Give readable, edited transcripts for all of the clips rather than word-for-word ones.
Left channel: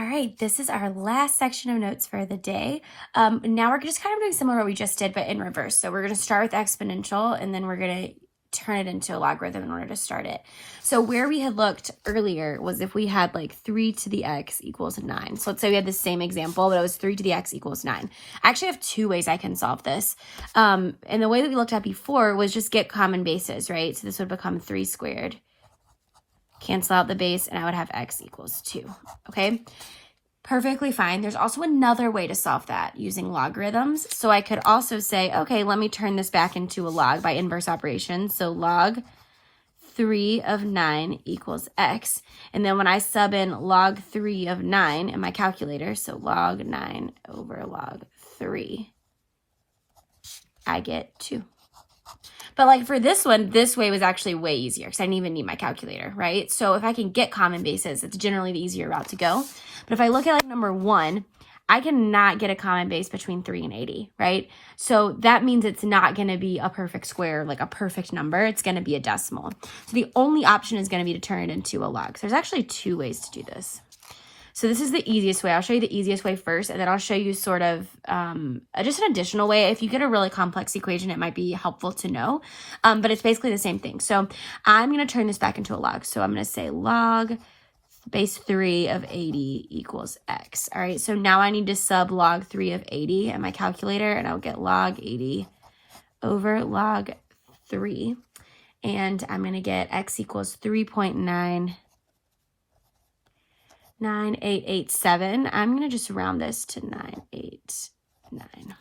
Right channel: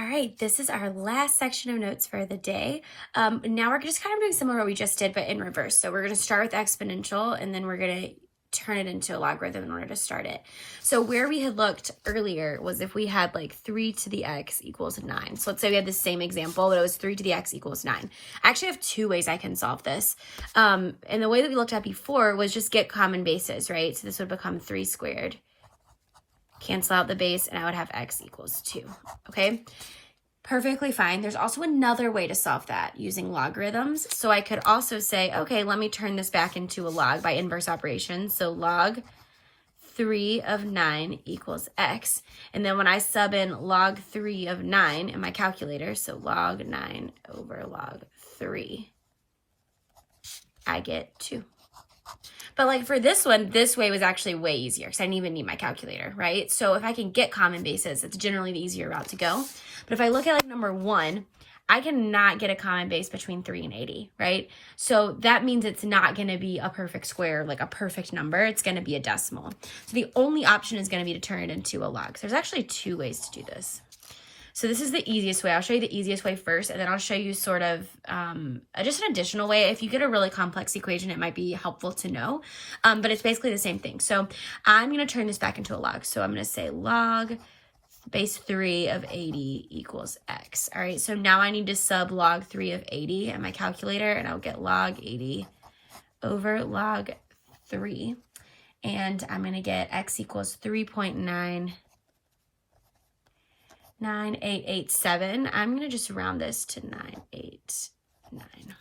All right, this is our last section of notes for the day. Now we're just kind of doing similar to what we just did, but in reverse. So we're going to start with exponential, and then we're going to turn it into a logarithm in order to start it. So where we had looked earlier was if we had like 3 to the x equals 9. So let's say we had the same example, but it was 3 to the x equals 9. I actually have two ways I can solve this. And the way that we looked at before was just get common bases, right? So this would become 3 squared. Cancel out the base, and I would have x equals 2, okay? Perfectly fine. There's also another way to solve that using logarithms. So I could also say, okay, let me turn this back into a log by inverse operation. So log 3 of 9 equals x. And then when I sub in log 3 of 9 in my calculator, so log 9 over log 3, I get 2. But like for this one, this way was actually way easier because I didn't even need my calculator, right? So if I can get common bases, it's generally the easier route to go. But if I look at like number 1, I cannot get a common base between 3 and 80, right? So that means it's not going to be a perfect square, like a perfect number. It's going to be a decimal. So the only option is going to be to turn it into a log. So there's actually 2 ways to do this. So this is the easiest way. I'll show you the easiest way first, and then I'll show you sort of just an additional way. If you get a really complex equation, it might be helpful to know, but it's basically the same thing. So I'm going to turn this back into a log. So I'm going to say log base 3 of 80 equals x. All right, so now I need to sub log 3 of 80 in my calculator, and I'll get log 80 over log 3, and I'm going to get x equals 3.99887. I'm going to just round this to 989.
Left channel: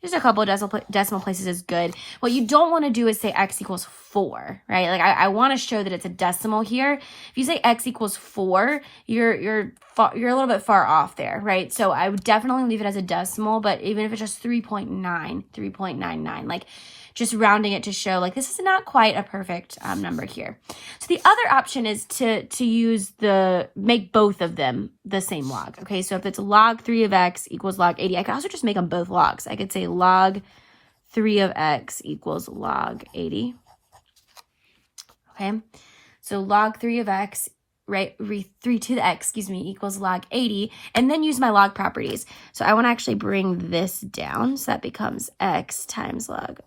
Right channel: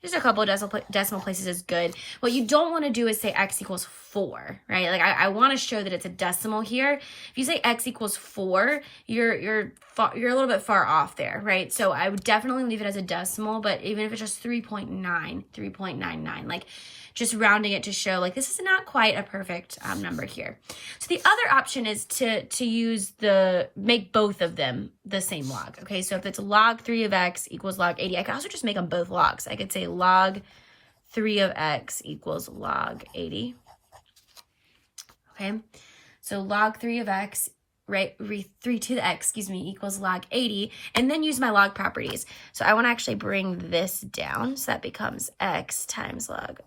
Just a couple of decimal places is good. What you don't want to do is say x equals 4, right? Like I want to show that it's a decimal here. If you say x equals 4, you're a little bit far off there, right? So I would definitely leave it as a decimal, but even if it's just 3.99, like just rounding it to show like this is not quite a perfect number here. So the other option is to make both of them the same log. Okay, so if it's log 3 of x equals log 80, I could also just make them both logs. I could say log 3 of x equals log 80. Okay, so log 3 of x, right, 3 to the x, equals log 80, and then use my log properties. So I want to actually bring this down, so that becomes x times log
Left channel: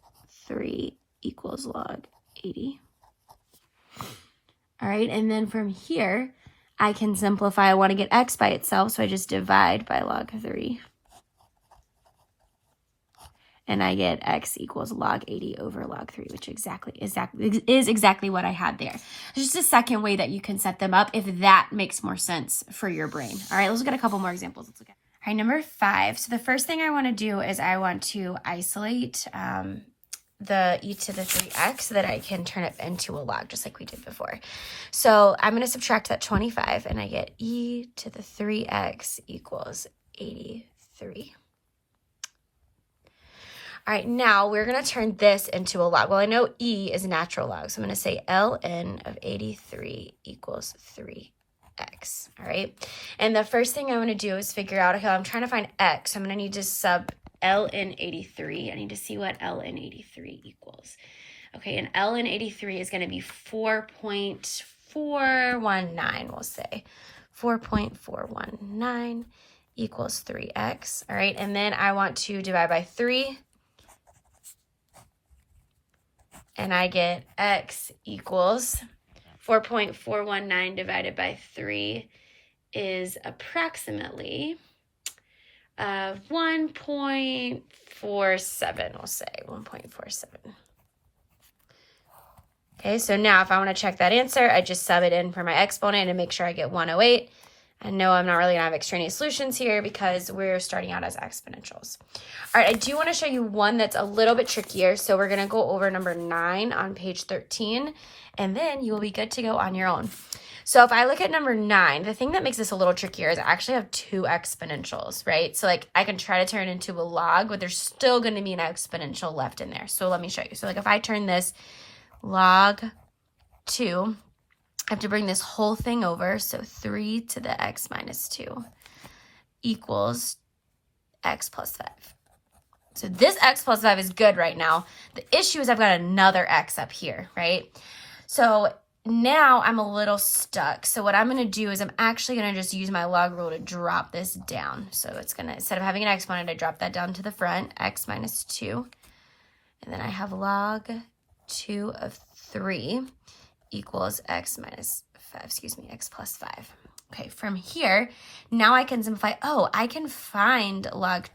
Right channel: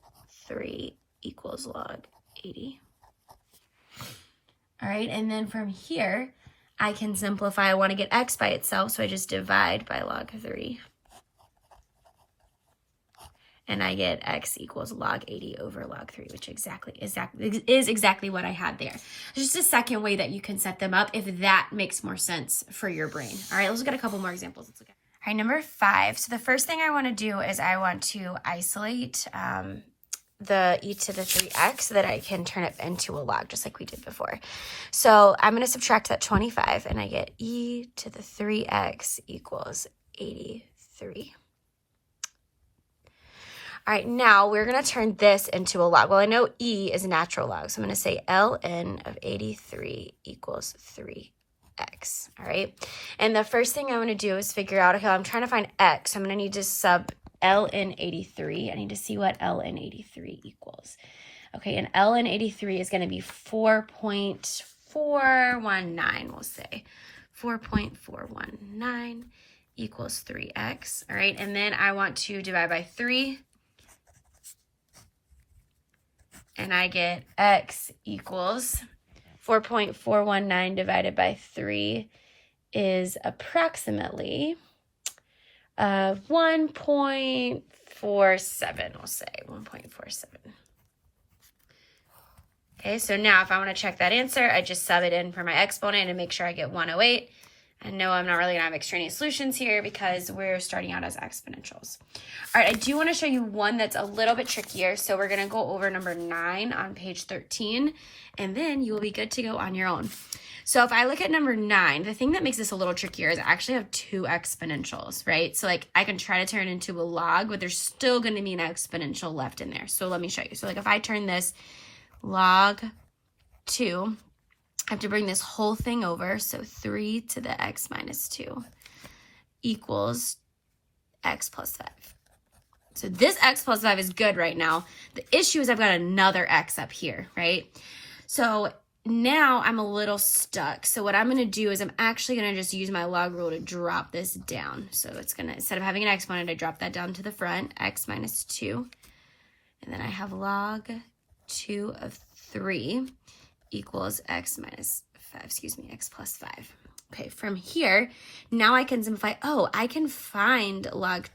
3 equals log 80. All right, and then from here, I can simplify. I want to get x by itself, so I just divide by log 3. And I get x equals log 80 over log 3, which is exactly what I had there. There's just a second way that you can set them up if that makes more sense for your brain. All right, let's look at a couple more examples. Let's look at. All right, number 5. So the first thing I want to do is I want to isolate the e to the 3x so that I can turn it into a log just like we did before. So I'm going to subtract that 25 and I get e to the 3x equals 83. All right, now we're going to turn this into a log. Well, I know e is a natural log, so I'm going to say ln of 83 equals 3x. All right, and the first thing I want to do is figure out, okay, I'm trying to find x. I'm going to need to sub ln 83. I need to see what ln 83 equals. Okay, and ln 83 is going to be 4.419, we'll say. 4.419 equals 3x. All right, and then I want to divide by 3. And I get x equals 4.419 divided by 3 is approximately 1.47, we'll say 1.47. Okay, so now if I want to check that answer, I just sub it in for my exponent and make sure I get 108. I know I'm not really going to have extraneous solutions here because we're starting out as exponentials. All right, I do want to show you one that's a little bit trickier. So we're going to go over number 9 on page 13, and then you will be good to go on your own. So if I look at number 9, the thing that makes this a little trickier is I actually have 2 exponentials, right? So like I can try to turn it into a log, but there's still going to be an exponential left in there. So let me show you. So like if I turn this log 2, I have to bring this whole thing over. So 3 to the x minus 2 equals x plus 5. So this x plus 5 is good right now. The issue is I've got another x up here, right? So now I'm a little stuck. So what I'm going to do is I'm actually going to just use my log rule to drop this down. So it's going to, instead of having an exponent, I drop that down to the front, x minus 2. And then I have log 2 of 3 equals x minus 5, x plus 5. Okay, from here, now I can simplify. Oh, I can find log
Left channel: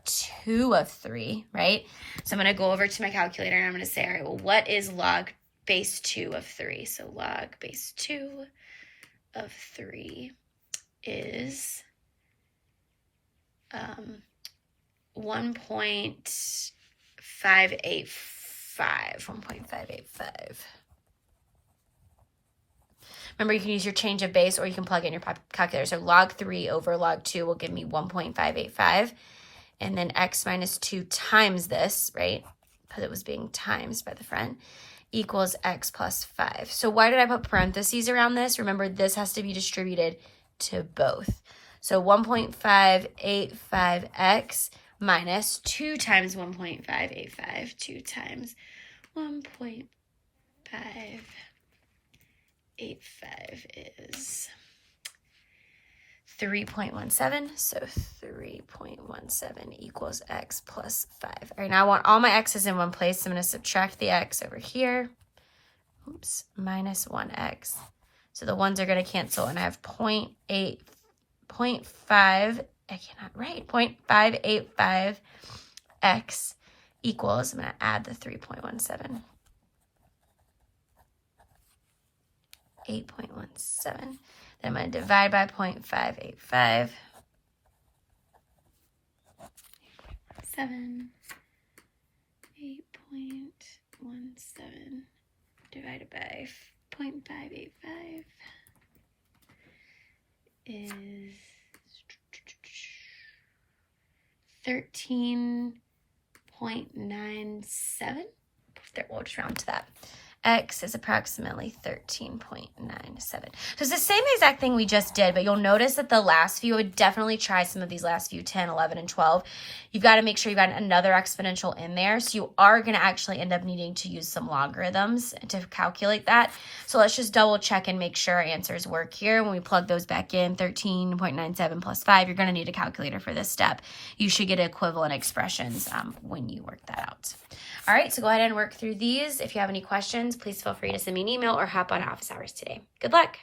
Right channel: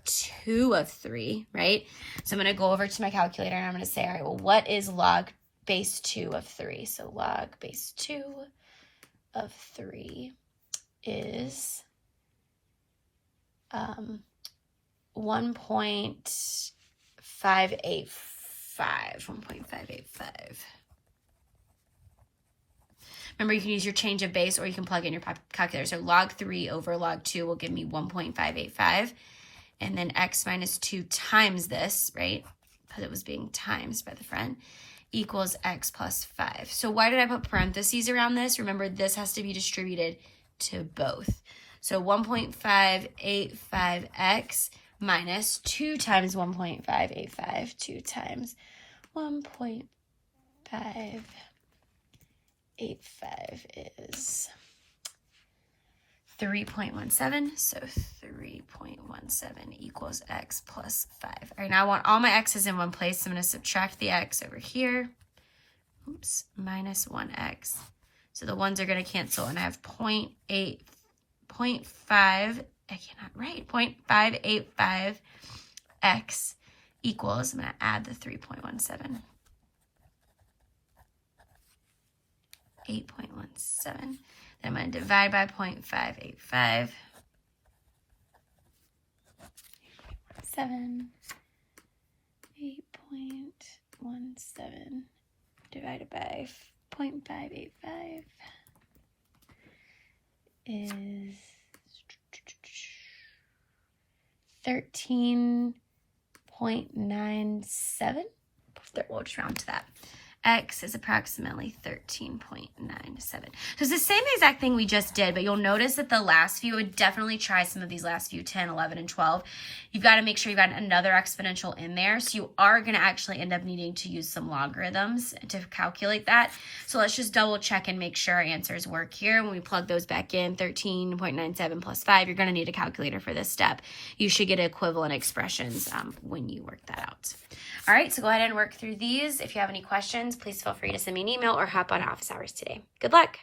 2 of 3, right? So I'm going to go over to my calculator and I'm going to say, all right, well, what is log base 2 of 3? So log base 2 of 3 is 1.585. Remember, you can use your change of base or you can plug in your calculator. So log 3 over log 2 will give me 1.585. And then x minus 2 times this, right? Because it was being times by the front, equals x plus 5. So why did I put parentheses around this? Remember, this has to be distributed to both. So 1.585x minus 2 times 1.585. 2 times 1.585 is 3.17. So 3.17 equals x plus 5. All right, now I want all my x's in one place. So I'm going to subtract the x over here. Oops, minus 1x. So the ones are going to cancel, and I have 0.5, I cannot write, 0.585x equals, I'm going to add the 3.17. 8.17. Then I'm going to divide by 0.585. 8.17. 8.17 divided by 0.585 is 13.97. We'll just round to that. X is approximately 13.97. So it's the same exact thing we just did, but you'll notice that the last few, I would definitely try some of these last few, 10, 11, and 12. You've got to make sure you've got another exponential in there. So you are going to actually end up needing to use some logarithms to calculate that. So let's just double check and make sure our answers work here. When we plug those back in, 13.97 plus 5, you're going to need a calculator for this step. You should get equivalent expressions when you work that out. All right, so go ahead and work through these. If you have any questions, please feel free to send me an email or hop on office hours today. Good luck.